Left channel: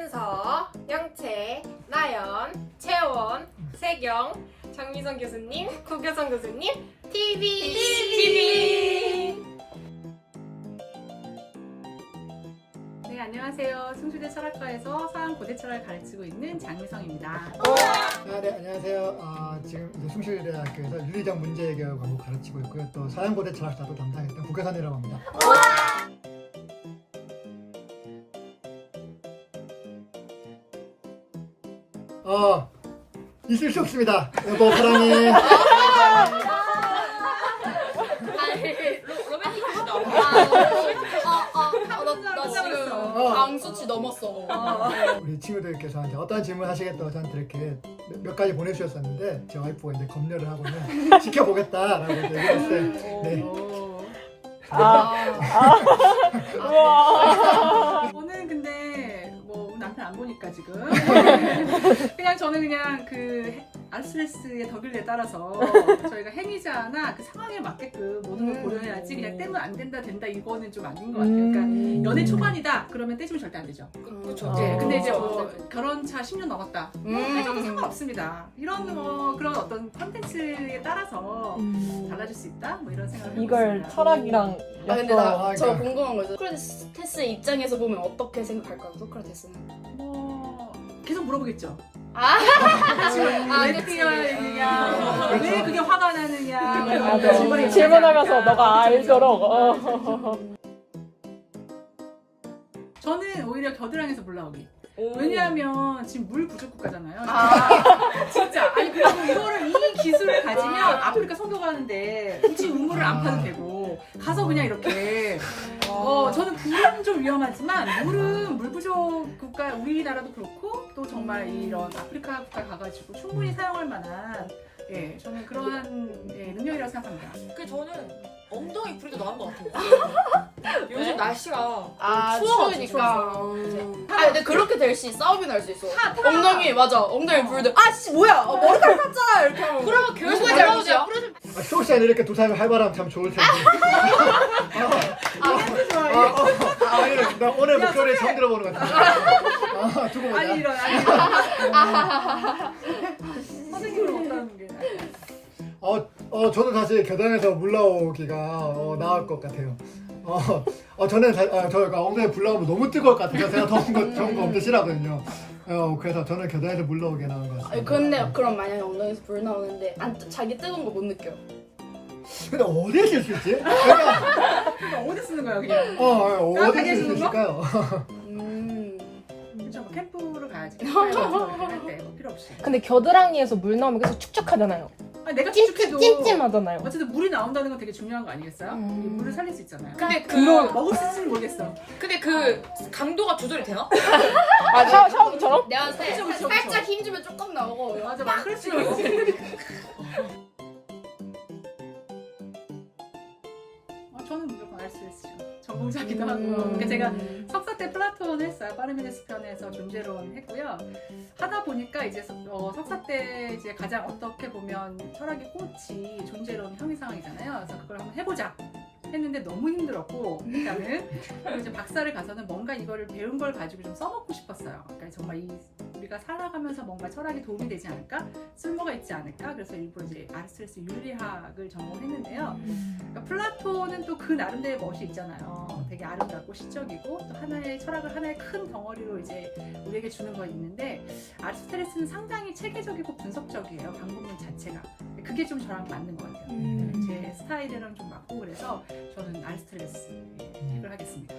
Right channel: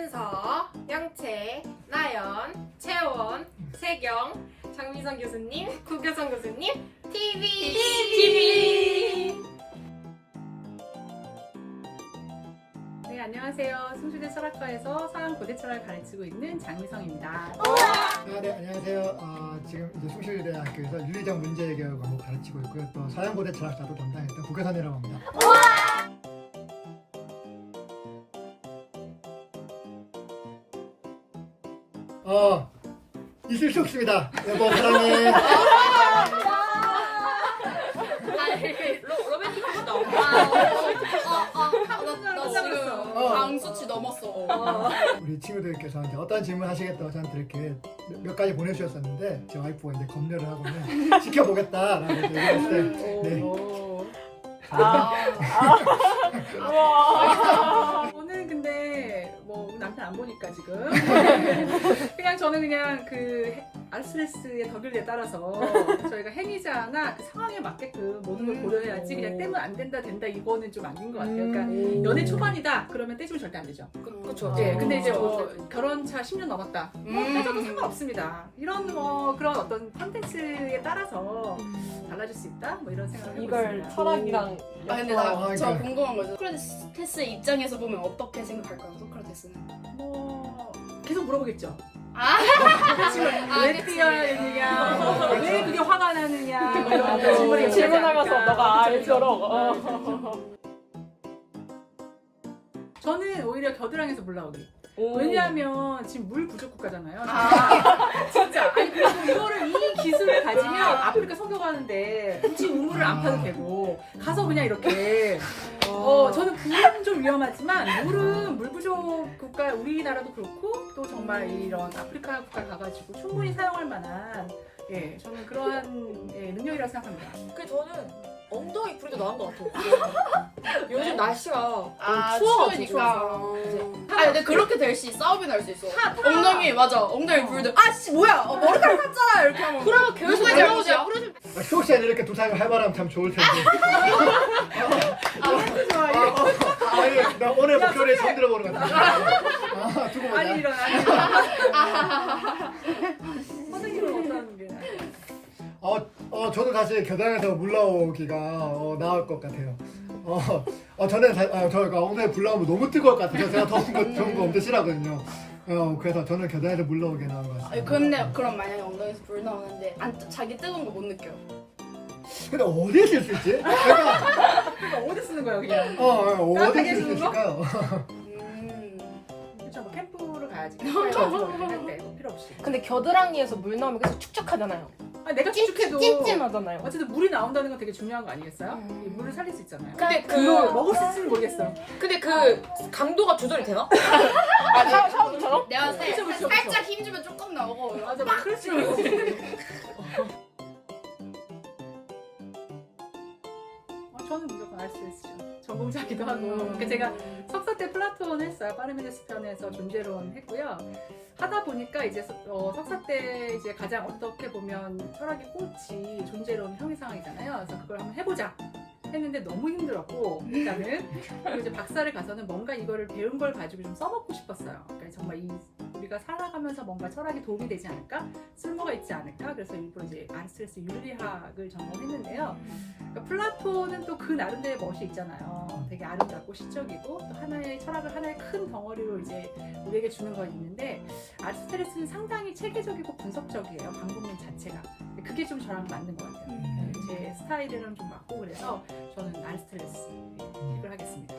윤서, 영채, 나연, 채원, 세경, 장미선 교수님, 구교선 교수님, TV! 네, 안녕하세요. 승수대 철학과에서 서양고대 철학을 가르치고 있는 장미성입니다. 네, 안녕하세요. 지금 이제 숭실대학교에서 윤리적 문제해결 과목 가르치고 있고요. 또 서양고대 철학사도 담당했던 구교선이라고 합니다. 있을 수 없습니다. 여보 사랑해. 로맨틱하다. 나 지금 방수치 넘었어. 우리 친구들께서 이제 어떤 질문 하시겠다고 저한테 이렇게 몇 가지 보내주셨었는데 제 와이프가 이제 검열을 하고는 지켜보겠다라고 얘기했어요. 네. 저는 근데 뭐 남편 안 보니까 지금 그냥 저는 그냥 그 아르스레스의 덕일에 따라서 저희가 행위자나 그 상황에 맞게끔 모든 걸 고려해야지 그냥 떼면 안 된다 된다 이거는 좀 아닌 것 같아요. 그러니까 연애 초반이다 그러면 떼주면 절대 안 되죠. 그렇죠. 네, 근데 이제 뭐 결혼차 10년 넘었다. 떼줘도 상관없습니다. 이런 뭐 그런 어떤 컨텐츠에 따라서 달라질 수 있다. 뭐 이런 생각을 해보고 이걸 있습니다. 철학이랑 근데 저 궁금한 거죠. 소크라테스 입장에서 보면 어떻게 생각할까요? 소크라테스는? 뭐 계속 물어보겠죠. 지금 왜 뛰어야 되느냐, 왜 그게 화가 나느냐, 뭐 이런 질문을 질문을 가서 너가 알도록. 저는 오히려 겨드랑이에서 물나오기. 왜냐하면 지금 물 부족 국가잖아요. 진짜. 아니 그리고 이거를 이 기술을 가지면 아프리카 선교 가는데 굳이 우물을 안 파도 되고 가서 그냥 이렇게. 저는 불은 좀 위험하지만 물은 물 부족 국가 우리나라도 그렇고 또 정말 이런 아프리카 국가 가가지고 충분히 사용할 만한 저는 그러한 능력이라고 생각합니다. 그 저는 엉덩이 부리도 나은 것 같아요. 요즘 날씨가 추우니까. 추워서. 근데 그렇게 될 시 싸움이 날 수 있어. 엉덩이 맞아. 엉덩이 부르들. 씨 뭐야? 머리카락 탔잖아 이렇게 하면. 그러면 결국 누구의 잘못이야? 수호 씨는 이렇게 두 사람이 활발하면 참 좋을 텐데. 아니, 나 오늘 목소리에 처음 들어보는 것 같아. 두고 보자. 아니 이런. 선생님은 어떤 게 나을까요? 저는 사실 겨드랑이에서 물 나오기가 나을 것 같아요. 저는 저희가 엉덩이 불 나오면 너무 뜨거울 것 같아서 제가 더운 거 엄청 싫어하거든요. 그래서 저는 겨드랑이에서 물 나오게 나은 것 같습니다. 근데 그럼 만약에 엉덩이에서 불 나오는데 자기 뜨거운 거 못 느껴. 근데 어디에 쓸 수 있지? 그러니까 어디 쓰는 거야 그냥? 어디에 따뜻하게 쓸 수 해주는 거? 있을까요? 그렇죠. 뭐 캠프를 가야지. 캠프에 가서 할때뭐 필요 없이. 근데 겨드랑이에서 물 나오면 계속 축축하잖아요. 아니, 내가 축축해도 찜찜하잖아요. 어쨌든 물이 나온다는 건 되게 중요한 거 아니겠어요? 이 물을 살릴 수 있잖아요. 근데 먹을 수 있을지 모르겠어. 근데 그 강도가 조절이 되나? 샤워기처럼? 내가 봤을 때 그쵸. 살짝 힘주면 조금 나오고. 맞아, 그럴 수 있겠지. 저는 무조건 아르스레스죠. 전공자기도 하고. 그러니까 제가 석사 때 플라톤 했어요. 파르메데스 편에서 존재론 했고요. 하다 보니까 이제 석사 때 이제 가장 어떻게 보면 철학의 꽃이 존재론 형이상학이잖아요. 그래서 그걸 한번 해보자. 했는데 너무 힘들었고 일단은 그리고 이제 박사를 가서는 뭔가 이거를 배운 걸 가지고 좀 써먹고 싶었어요. 그러니까 정말 우리가 살아가면서 뭔가 철학에 도움이 되지 않을까, 쓸모가 있지 않을까. 그래서 일부러 이제 아리스토텔레스 윤리학을 전공했는데요. 그러니까 플라톤은 또 그 나름대로의 멋이 있잖아요. 되게 아름답고 시적이고 또 하나의 철학을 하나의 큰 덩어리로 이제 우리에게 주는 거 있는데 아리스토텔레스는 상당히 체계적이고 분석적이에요. 방법론 자체가. 그게 좀 저랑 맞는 것 같아요. 제 스타일이랑 좀 맞고 그래서 저는 아리스토텔레스 픽을 하겠습니다.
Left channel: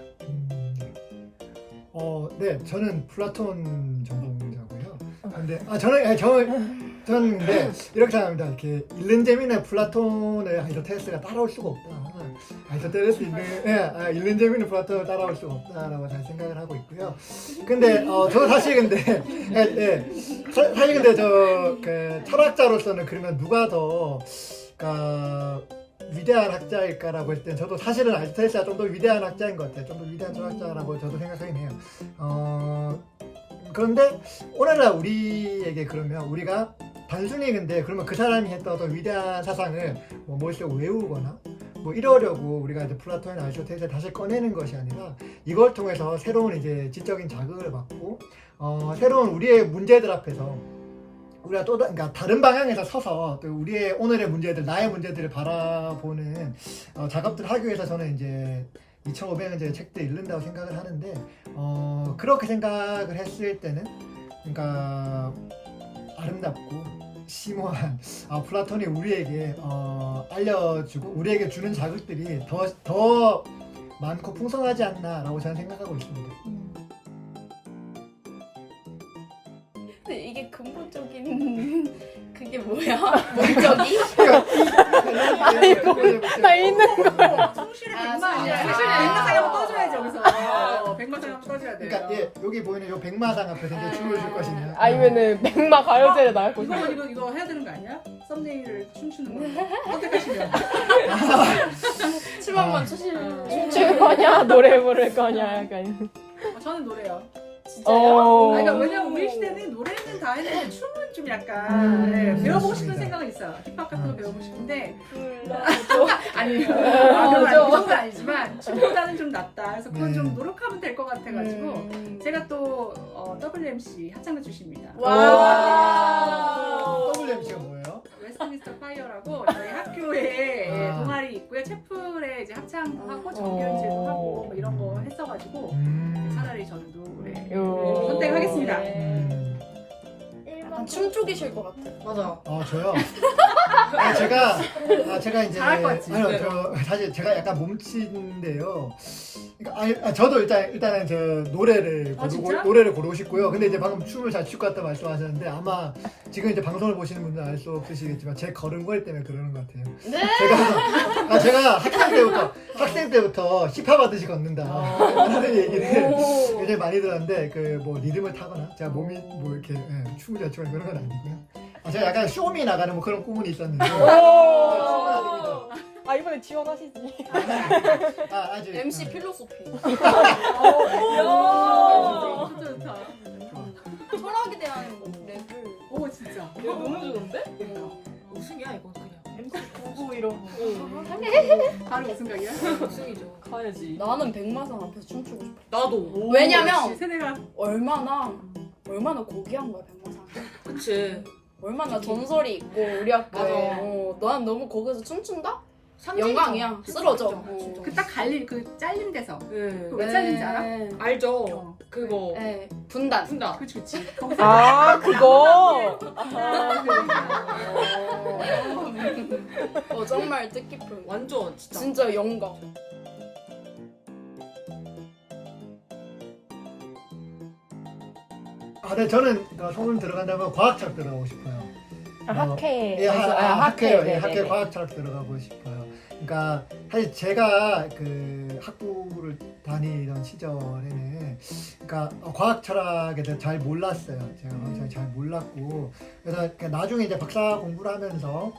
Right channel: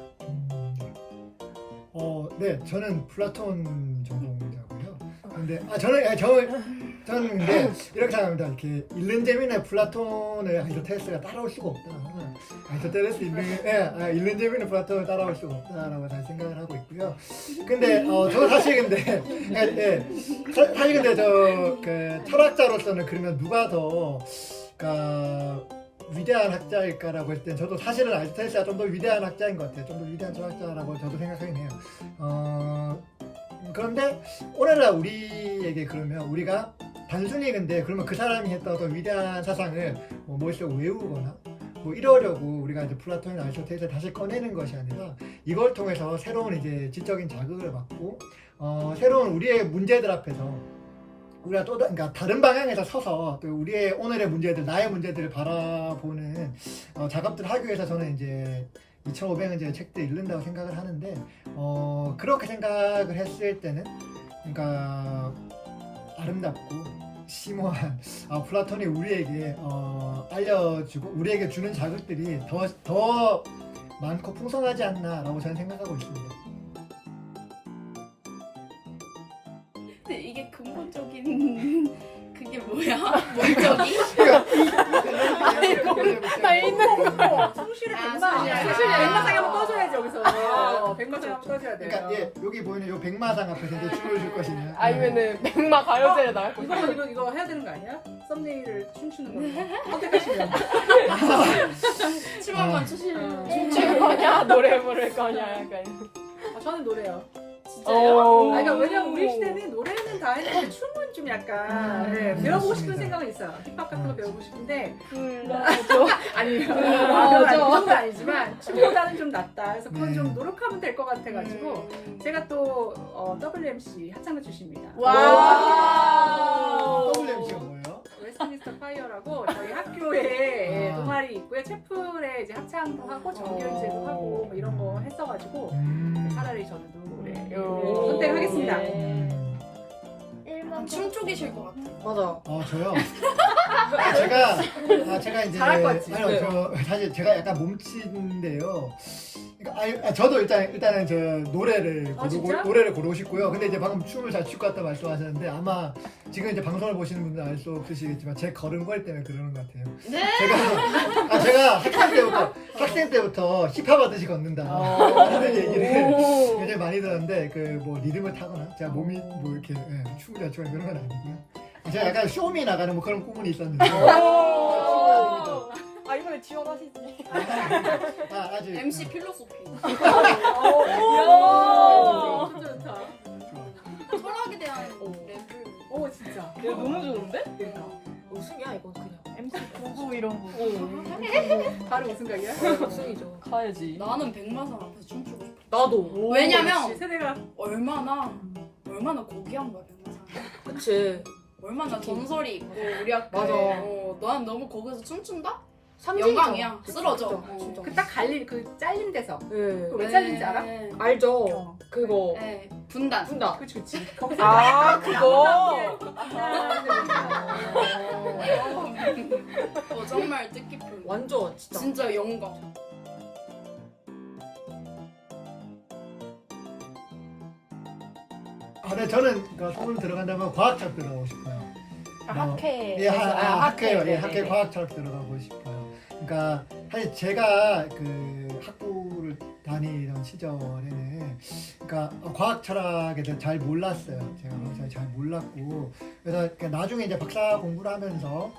네, 저는 플라톤 전공자고요. 근데 저는 근데 이렇게 생각합니다. 이렇게 읽는 재미는 플라톤의 아리스토텔레스가 따라올 수가 없다. 아리스토텔레스 읽는 재미는 플라톤을 따라올 수가 없다라고 잘 생각을 하고 있고요. 근데 저 사실 근데 사실 근데 그 철학자로서는 그러면 누가 더 위대한 학자일까라고 했을 땐 저도 사실은 아리스토텔레스가 좀 더 위대한 학자인 것 같아요. 좀 더 위대한 철학자라고 저도 생각하긴 해요. 그런데 오늘날 우리에게 그러면 우리가 단순히 근데 그러면 그 사람이 했던 어떤 위대한 사상을 머릿속에 외우거나 뭐 이러려고 우리가 이제 플라톤이나 아리스토텔레스를 다시 꺼내는 것이 아니라 이걸 통해서 새로운 이제 지적인 자극을 받고 새로운 우리의 문제들 앞에서 우리가 또 그러니까 다른 방향에서 서서 또 우리의 오늘의 문제들, 나의 문제들을 바라보는 작업들을 하기 위해서 저는 이제 2,500원짜리 책들 읽는다고 생각을 하는데 그렇게 생각을 했을 때는 그러니까 아름답고 심오한 플라톤이 우리에게 알려주고 우리에게 주는 자극들이 더 많고 풍성하지 않나라고 저는 생각하고 있습니다. 근데 이게 근본적인 그게 뭐야? 목적이? 나 있는 거. 성실의 아, 백마이야. 성실. 사실 백마상에 한번 떠줘야지 여기서. 백마상에 한번 떠줘야 돼요. 그러니까 예, 여기 보이는 요 백마상 앞에서 이제 춤을 출 것이냐? 아니면은 백마 가요제를 나요? 이거 해야 되는 거 아니야? 썸네일을 춤추는 걸로 선택하시면. 춤 한번 추시면 춤출 거냐 노래 부를 거냐 약간 저는 노래요. 진짜요? 그러니까 왜냐면 우리 시대는 노래는 다 했는데 춤은 좀 약간 배워보고 싶은 맞습니다. 생각은 있어요. 힙합 같은 거 배워보고 싶은데 나도 아니 그건 아니 그 정도 아니지만 춤보다는 좀 낫다. 그래서 그건 좀 노력하면 될 것 같아가지고 제가 또 WMC 합창단 출신입니다. 와. WMC가 뭐예요? 웨스트민스터 파이어라고 저희 학교에 아. 동아리 있고요. 채플에 이제 합창도 하고 정규연주도 하고 뭐 이런 거 했어가지고 차라리 저는 노래 선택하겠습니다. 춤 쪽이실 것 같아. 맞아. 저요. 제가 이제 잘할 것 같지? 아니요, 사실 제가 약간 몸치인데요. 그러니까 저도 일단은 저 노래를 진짜? 노래를 고르고 싶고요. 근데 이제 방금 춤을 잘 출 것 같다 말씀하셨는데 아마 지금 이제 방송을 보시는 분들은 알 수 없으시겠지만 제 걸음걸 때문에 그러는 것 같아요. 네. 제가 학생 때부터 힙합 하듯이 걷는다 하는 얘기를 굉장히 많이 들었는데 그 뭐 리듬을 타거나 제가 몸이 뭐 이렇게 춤을 잘 추거나 그런 건 아니고요. 제가 약간 쇼미 나가는 뭐 그런 꿈은 있었는데 춤은 아닙니다. 아 이번에 지원하시지 아직 MC 필로소피. 좋다. 좋아. 철학에 대한 랩을. 오 진짜. 너무 좋은데? 우승이야 이건 그냥. MC 구구 이런 거 바로 우승각이야? 우승이죠. 가야지 나는 백마산 앞에서 춤추고 싶어. 나도. 왜냐면 역시 세대가 얼마나 고귀한 거야 백마산. 그치. 얼마나 전설이 있고 우리 학교에. 맞아. 난 너무 거기서 춤춘다? 삼진이죠. 영광이야. 쓰러져. 진짜. 그 딱 갈릴 그 잘린 데서 네. 그거 왜 잘린지 알아? 알죠. 그거. 네. 분단. 분다. 그치. 거기서 아 그거 정말 뜻깊은. 완전 진짜. 진짜 영광. 네, 저는 소문 들어간다면 과학철학 들어가고 싶어요. 학회 학회요. 네네네. 학회 과학철학 들어가고 싶어요. 그러니까 사실 제가 그 학부를 다니던 시절에는 그러니까 과학철학에 대해서 잘 몰랐어요. 제가 과학철학 잘 몰랐고 그래서 나중에 이제 박사 공부를 하면서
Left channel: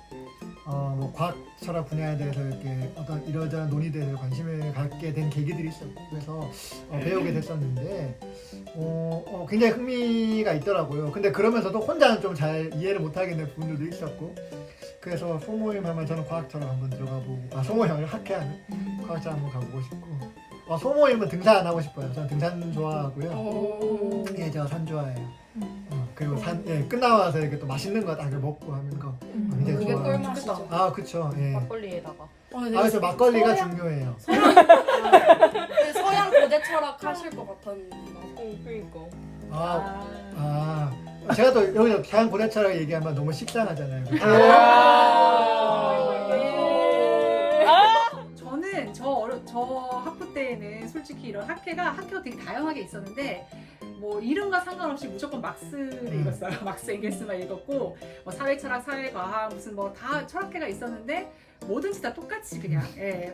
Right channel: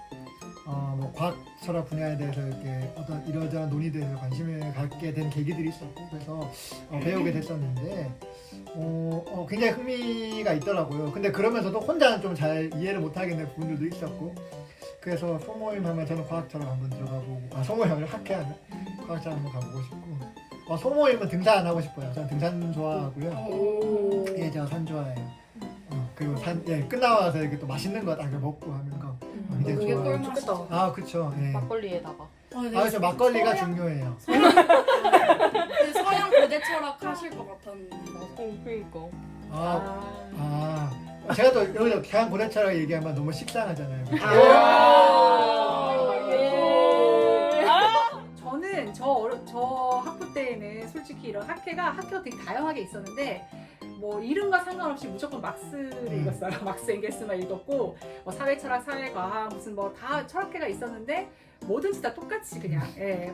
뭐 과학철학 분야에 대해서 이렇게 어떤 이러저런 논의들에 관심을 갖게 된 계기들이 있었고 그래서 배우게 됐었는데 굉장히 흥미가 있더라고요. 근데 그러면서도 혼자는 좀 잘 이해를 못하겠는 부분들도 있었고 그래서 소모임 하면 저는 과학철학 한번 들어가보고 소모임을 학회하면 과학철학 한번 가보고 싶고 소모임은 등산 안 하고 싶어요. 저는 등산 좋아하고요. 예, 제가 산 좋아해요. 그리고 끝나고 나서 이렇게 또 맛있는 거 딱 먹고 하는 거 굉장히 이게 좋아해요. 꿀맛이죠. 그쵸. 예. 막걸리에다가 그래서 막걸리가 중요해요. 그 서양 고대 철학 하실 것 같았는데. 그니까 제가 또 여기서 대한 고대철학 얘기하면 너무 식상하잖아요. 그쵸? 저는 저 학부 때에는 솔직히 이런 학회가 되게 다양하게 있었는데 뭐 이름과 상관없이 무조건 막스를 읽었어요. 막스 엥겔스만 읽었고 뭐 사회철학, 사회과학 무슨 뭐 다 철학회가 있었는데 뭐든지 다 똑같이 그냥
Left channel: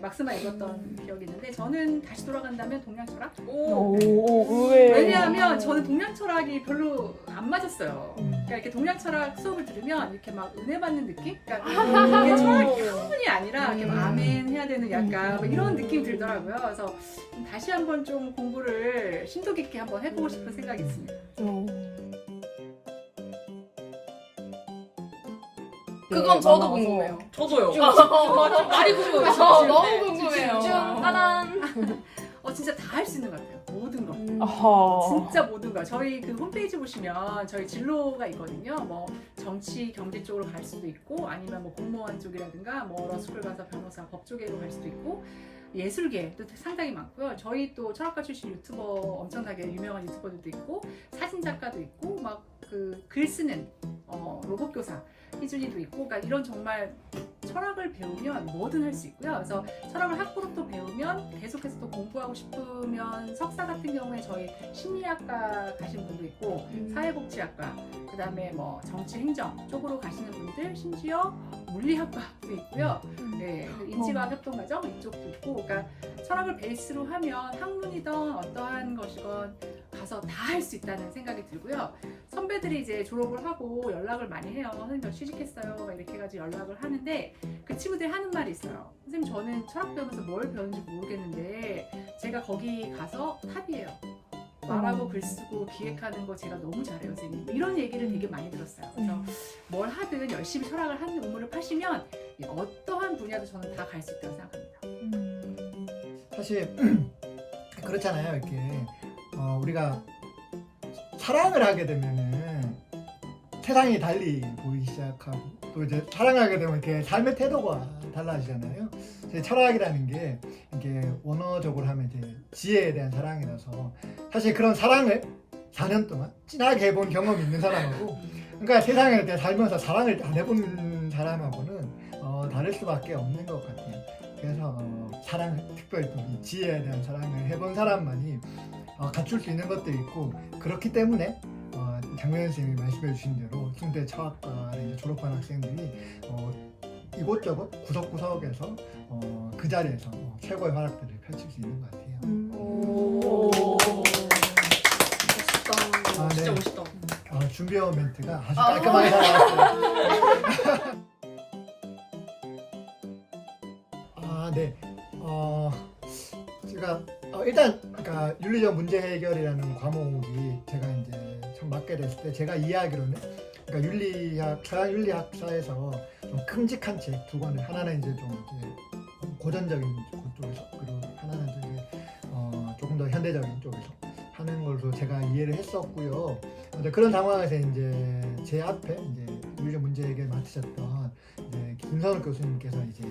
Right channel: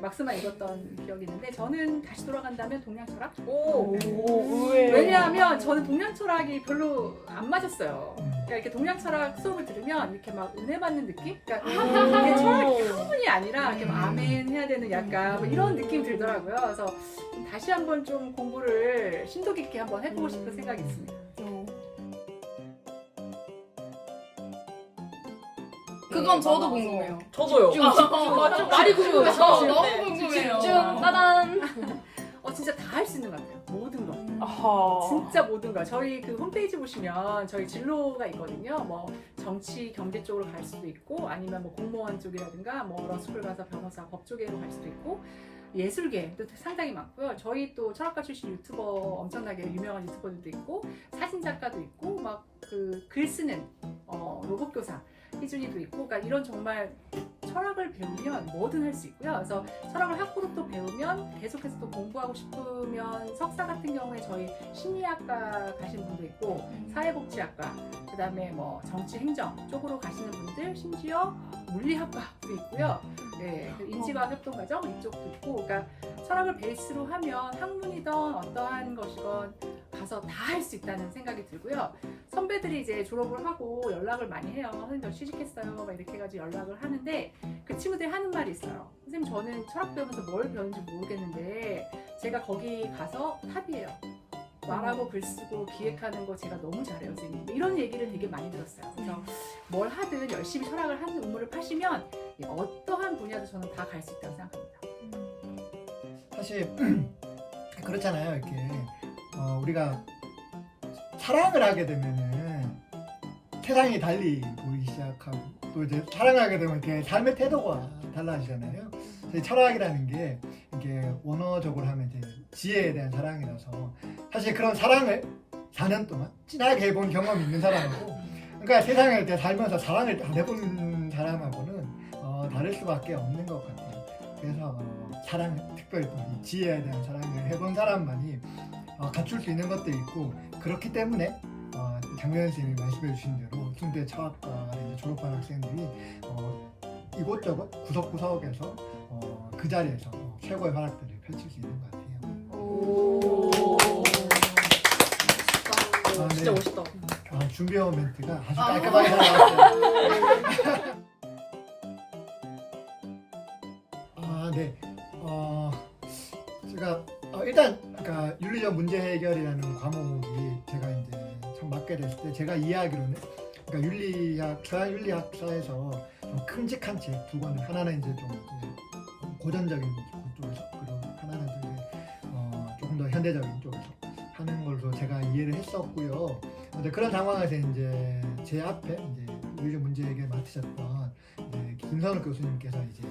막스만 읽었던 기억이 있는데 저는 다시 돌아간다면 동양철학? 의외 왜냐하면 저는 동양철학이 별로 안 맞았어요. 음. 그러니까 이렇게 동양철학 수업을 들으면 이렇게 막 은혜 받는 느낌? 그러니까 이게 철학이 학문이 아니라 이렇게 막 아멘 해야 되는 약간 뭐 이런 느낌이 들더라고요. 그래서 좀 다시 한번 좀 공부를 심도 깊게 한번 해보고 싶은 생각이 있습니다. 그건 저도 궁금해요. 저도요. 많이 궁금해요. 너무 궁금해요. 따단. 진짜 다 할 수 있는 것 같아요. 모든 걸. 어허. 진짜 모든 걸. 저희 그 홈페이지 보시면 저희 진로가 있거든요. 뭐 정치, 경제 쪽으로 갈 수도 있고 아니면 뭐 공무원 쪽이라든가 뭐 러스쿨 가서 변호사, 법 쪽으로 갈 수도 있고 예술계도 상당히 많고요. 저희 또 철학과 출신 유튜버 엄청나게 유명한 유튜버들도 있고 사진 작가도 있고 막 그 글 쓰는 로봇 교사 희준이도 있고 그러니까 이런 정말 철학을 배우면 뭐든 할 수 있고요. 그래서 철학을 학부로 또 배우면 계속해서 또 공부하고 싶으면 석사 같은 경우에 저희 심리학과 가신 분도 있고 사회복지학과 그다음에 뭐 정치행정 쪽으로 가시는 분들 심지어 물리학과도 있고요. 네, 인지과학 협동과정 이쪽도 있고 그러니까 철학을 베이스로 하면 학문이든 어떠한 것이건 가서 다 할 수 있다는 생각이 들고요. 선배들이 이제 졸업을 하고 연락을 많이 해요. 선생님 저 취직했어요. 막 이렇게 해가지고 연락을 하는데 그 친구들이 하는 말이 있어요. 선생님 저는 철학 배우면서 뭘 배웠는지 모르겠는데 제가 거기 가서 탑이에요. 말하고 글 쓰고 기획하는 거 제가 너무 잘해요, 선생님. 이런 얘기를 되게 많이 들었어요. 그래서 뭘 하든 열심히 철학을 하는 우물을 파시면 어떠한 분야도 저는 다 갈 수 있다고 생각합니다. 사실 그렇잖아요. 이렇게 우리가 사랑을 하게 되면은 세상이 달리 보이기 시작하고 또 이제 사랑을 하게 되면 이렇게 삶의 태도가 달라지잖아요. 철학이라는 게 이게 원어적으로 하면 이제 지혜에 대한 사랑이라서 사실 그런 사랑을 4년 동안 진하게 해본 경험이 있는 사람하고 그러니까 세상에 대해 살면서 사랑을 안 해본 사람하고는 다를 수밖에 없는 것 같아요. 그래서 사랑, 특별히 또 이 지혜에 대한 사랑을 해본 사람만이 갖출 수 있는 것도 있고 그렇기 때문에 장명현 선생님이 말씀해 주신 대로 순대 철학과를 졸업한 학생들이 이곳저곳 구석구석에서 그 자리에서 최고의 활약들을 펼칠 수 있는 것 같아요. 오. 멋있다. 네. 진짜 멋있다. 준비해온 멘트가 아주 깔끔하게 잘 나왔어요. 네. 제가 일단 그러니까 윤리적 문제 해결이라는 과목이 제가 이제 처음 맡게 됐을 때 제가 이해하기로는 그러니까 윤리학, 서양 윤리학사에서 좀 큼직한 책 두 권을 하나는 이제 좀 이제 고전적인 쪽에서 그리고 하나는 이제 조금 더 현대적인 쪽에서 하는 걸로 제가 이해를 했었고요. 근데 그런 상황에서 이제 제 앞에 이제 윤리적 문제 해결 맡으셨던 이제 김선욱 교수님께서 이제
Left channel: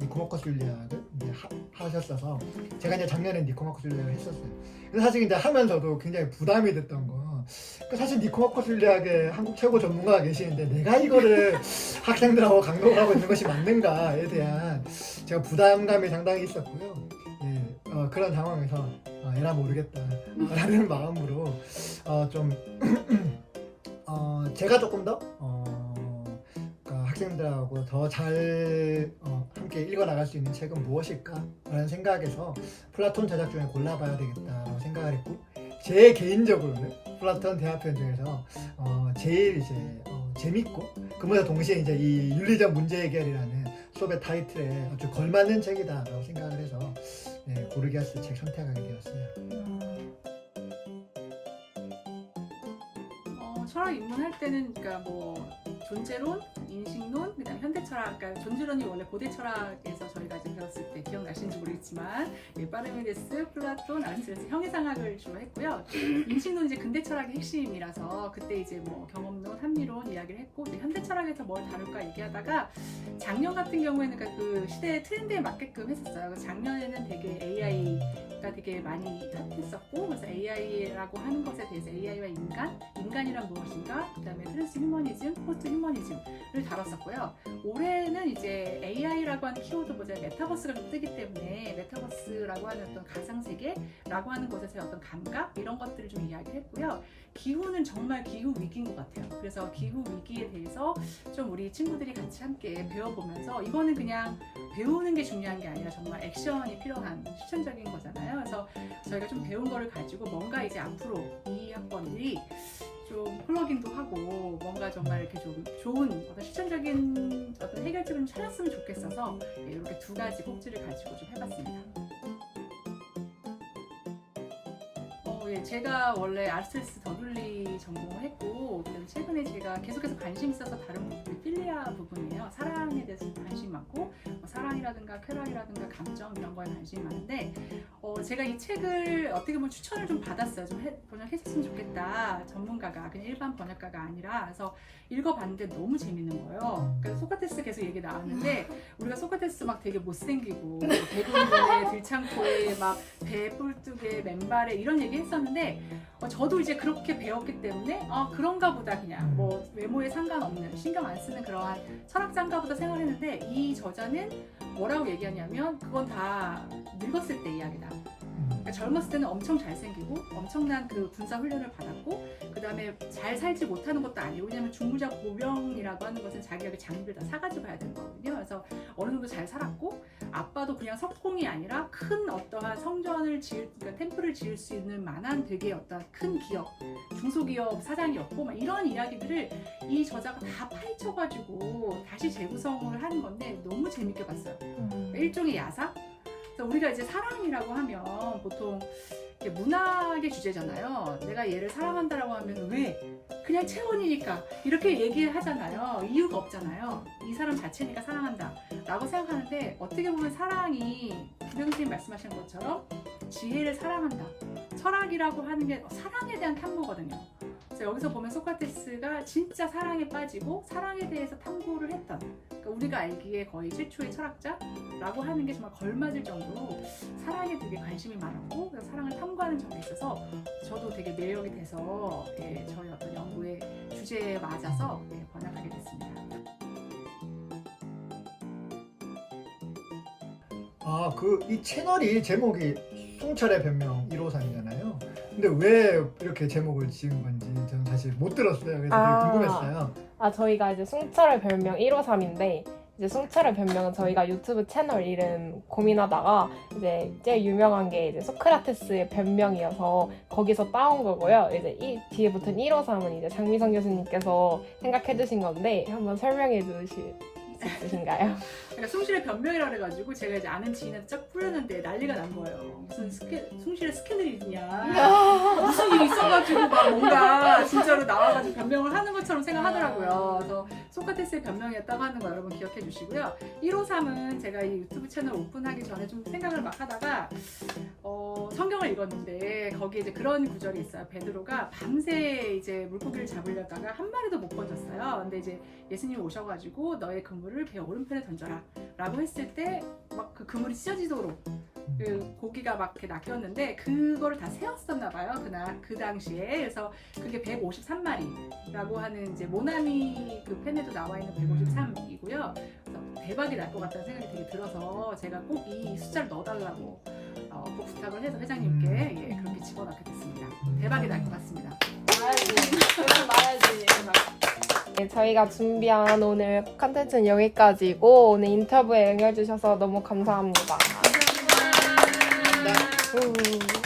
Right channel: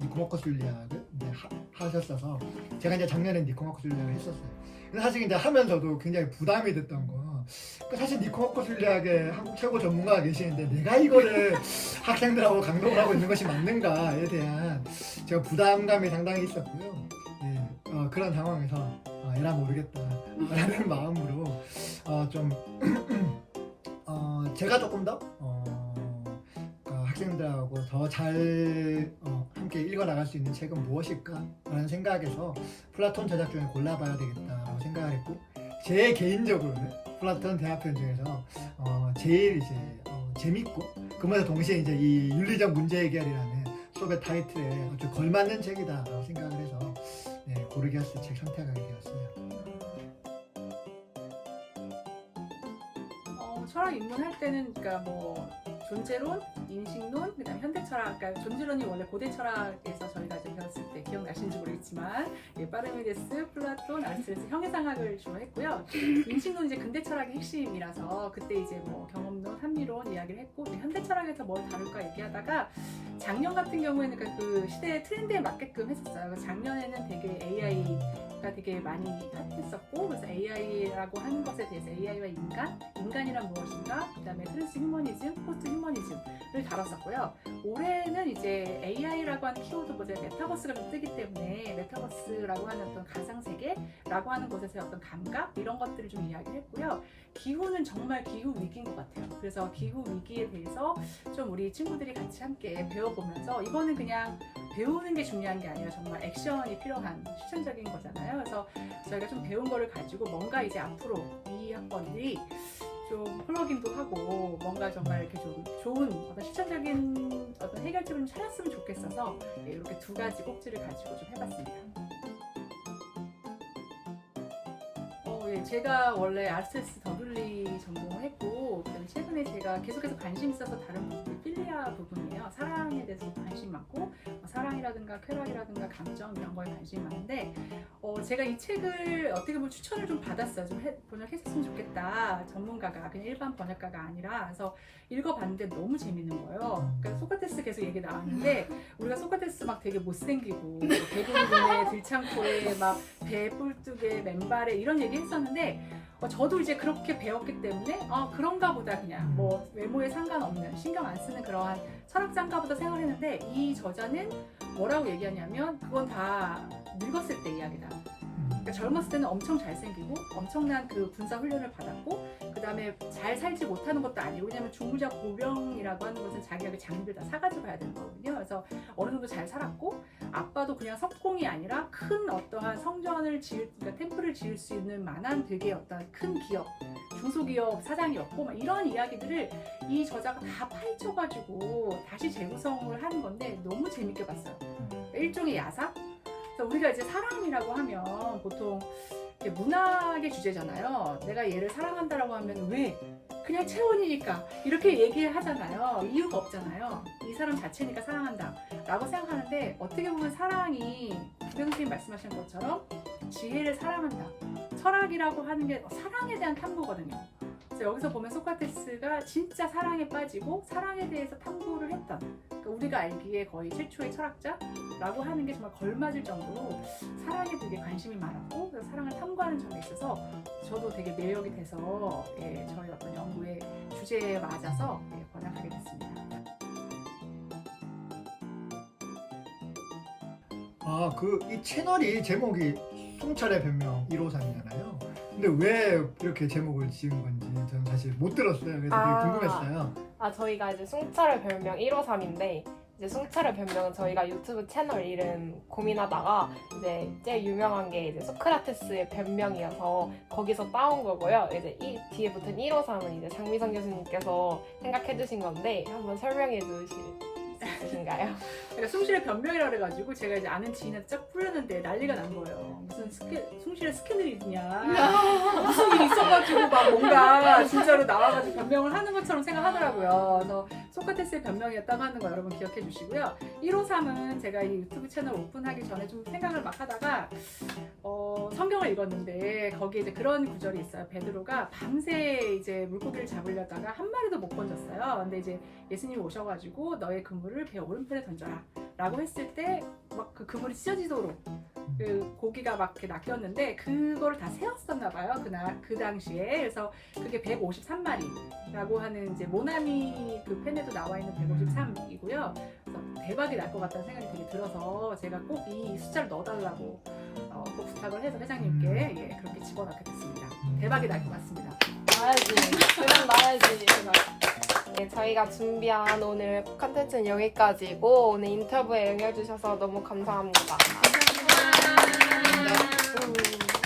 니코마코스 윤리학을 이제 하셨어서 제가 이제 작년에 니코마코스 윤리학을 했었어요. 그래서 사실 이제 하면서도 굉장히 부담이 됐던 거. 사실 니코마코스 윤리학의 한국 최고 전문가가 계시는데 내가 이거를 학생들하고 강독을 하고 있는 것이 맞는가에 대한 제가 부담감이 상당히 있었고요. 예, 그런 상황에서 에라 모르겠다 라는 마음으로 좀 제가 조금 더 학생들하고 더 잘 함께 읽어나갈 수 있는 책은 무엇일까 라는 생각에서 플라톤 저작 중에 골라봐야 되겠다라고 생각을 했고 제 개인적으로는 플라톤 대화편 중에서 제일 이제 재밌고 그러면서 동시에 이제 이 윤리적 문제 해결이라는 수업의 타이틀에 아주 걸맞는 책이다라고 생각을 해서 고르기아스 책 선택하게 되었어요. 철학 입문할 때는 그러니까 뭐 존재론, 인식론, 그다음에 현대철학, 그러니까 존재론이 원래 고대 철학에서 저희가 이제 배웠을 때 기억나시는지 모르겠지만 파르메데스, 플라톤, 아리스토텔레스 형해상학을 주로 했고요. 인식론 이제 근대 철학의 핵심이라서 그때 이제 뭐 경험론, 합리론 이야기를 했고 이제 현대 철학에서 뭘 다룰까 얘기하다가 작년 같은 경우에는 그러니까 그 시대의 트렌드에 맞게끔 했었어요. 그래서 작년에는 되게 AI가 되게 많이 핫했었고 그래서 AI라고 하는 것에 대해서 AI와 인간이란 무엇인가, 그다음에 트랜스 휴머니즘, 포스트 휴머니즘을 다뤘었고요. 올해는 이제 AI라고 하는 키워드보다 메타버스가 좀 뜨기 때문에 메타버스라고 하는 어떤 가상세계라고 하는 곳에서의 어떤 감각 이런 것들을 좀 이야기를 했고요. 기후는 정말 기후 위기인 것 같아요. 그래서 기후 위기에 대해서 좀 우리 친구들이 같이 함께 배워보면서 이거는 그냥 배우는 게 중요한 게 아니라 정말 액션이 필요한 실천적인 거잖아요. 그래서 저희가 좀 배운 거를 가지고 뭔가 이제 앞으로 이 학번들이 좀 플러깅도 하고 뭔가 정말 이렇게 좀 좋은 어떤 실천적인 어떤 해결책을 좀 찾았으면 좋겠어서 이렇게 두 가지 꼭지를 가지고 좀 해봤습니다. 네, 제가 원래 아르세스 더블리 전공을 했고, 그다음에 최근에 제가 계속해서 관심 있어서 다른 부분이 필리아 부분이에요. 사랑에 대해서 관심 많고, 뭐 사랑이라든가 쾌락이라든가 감정 이런 거에 관심이 많은데, 제가 이 책을 어떻게 보면 추천을 좀 받았어요. 좀 번역했으면 좋겠다. 전문가가 그냥 일반 번역가가 아니라. 그래서 읽어봤는데 너무 재밌는 거예요. 그래서 소크라테스 계속 얘기 나왔는데, 우리가 소크라테스 막 되게 못생기고 대군군에 들창포에 막 배 뿔뚝에 맨발에 이런 얘기 했었는데, 저도 이제 그렇게 배웠기 때문에 그런가 보다, 그냥 뭐 외모에 상관없는, 신경 안 쓰는 그러한 철학자인가 보다 생각을 했는데, 이 저자는 뭐라고 얘기하냐면 그건 다 늙었을 때 이야기다. 그러니까 젊었을 때는 엄청 잘생기고 엄청난 그 군사 훈련을 받았고, 그 다음에 잘 살지 못하는 것도 아니고, 왜냐면 중무자 보병이라고 하는 것은 자기가 그 장비를 다 사가지고 가야 되는 거거든요. 그래서 어느 정도 잘 살았고, 아빠도 그냥 석공이 아니라 큰 어떠한 성전을 그러니까 템플을 지을 수 있는 만한 되게 어떤 큰 기업, 중소기업 사장이었고, 막 이런 이야기들을 이 저자가 다 파헤쳐가지고 다시 재구성을 하는 건데 너무 재밌게 봤어요. 그러니까 일종의 야사? 그래서 우리가 이제 사랑이라고 하면 보통 문학의 주제잖아요. 내가 얘를 사랑한다라고 하면 왜? 그냥 체온이니까 이렇게 얘기하잖아요. 이유가 없잖아요. 이 사람 자체니까 사랑한다 라고 생각하는데, 어떻게 보면 사랑이 부경 선생님 말씀하신 것처럼 지혜를 사랑한다, 철학이라고 하는 게 사랑에 대한 탐구거든요. 그래서 여기서 보면 소크라테스가 진짜 사랑에 빠지고 사랑에 대해서 탐구를 했던, 그러니까 우리가 알기에 거의 최초의 철학자라고 하는 게 정말 걸맞을 정도로 사랑에 되게 관심이 많았고, 그래서 사랑을 탐구하는 점에 있어서 저도 되게 매력이 돼서 저희 어떤 연구의 주제에 맞아서 번역하게 됐습니다. 이 채널이 제목이 송철의 변명 153이잖아요. 근데 왜 이렇게 제목을 지은 건지 저는 사실 못 들었어요. 그래서 되게 궁금했어요. 저희가 이제 숭철의 별명 153인데, 이제 숭철의 별명은 저희가 유튜브 채널 이름 고민하다가 이제 제일 유명한 게 이제 소크라테스의 변명이어서 거기서 따온 거고요. 이제 이 뒤에 붙은 153은 이제 장미선 교수님께서 생각해 주신 건데, 한번 설명해 주실 수 있으신가요? 그러니까 숭실의 변명이라 그래가지고 제가 이제 아는 지인한테 쫙 뿌렸는데 난리가 난 거예요. 무슨 숭실의 스캔들이냐, 무슨 일이 있어가지고 막 뭔가 진짜로 나와가지고 변명을 하는 것처럼 생각하더라고요. 그래서 소크라테스의 변명이었다고 하는 거 여러분 기억해 주시고요. 153은 제가 이 유튜브 채널 오픈하기 전에 좀 생각을 막 하다가 성경을 읽었는데 거기에 이제 그런 구절이 있어요. 베드로가 밤새 이제 물고기를 잡으려다가 한 마리도 못 건졌어요. 근데 이제 예수님이 오셔가지고 너의 그물을 배 오른편에 던져라 라고 했을 때 막 그 그물이 찢어지도록 그 고기가 막 이렇게 낚였는데, 그거를 다 세웠었나 봐요. 그 당시에. 그래서 그게 153마리라고 하는 이제 모나미 그 펜에도 나와 있는 153이고요. 그래서 대박이 날 것 같다는 생각이 되게 들어서 제가 꼭 이 숫자를 넣어달라고 꼭 부탁을 해서 회장님께 그렇게 집어넣게 됐습니다. 대박이 날 것 같습니다. 말해야지. 네, 저희가 준비한 오늘 컨텐츠는 여기까지고, 오늘 인터뷰에 응해주셔서 너무 감사합니다. 감사합니다. 네.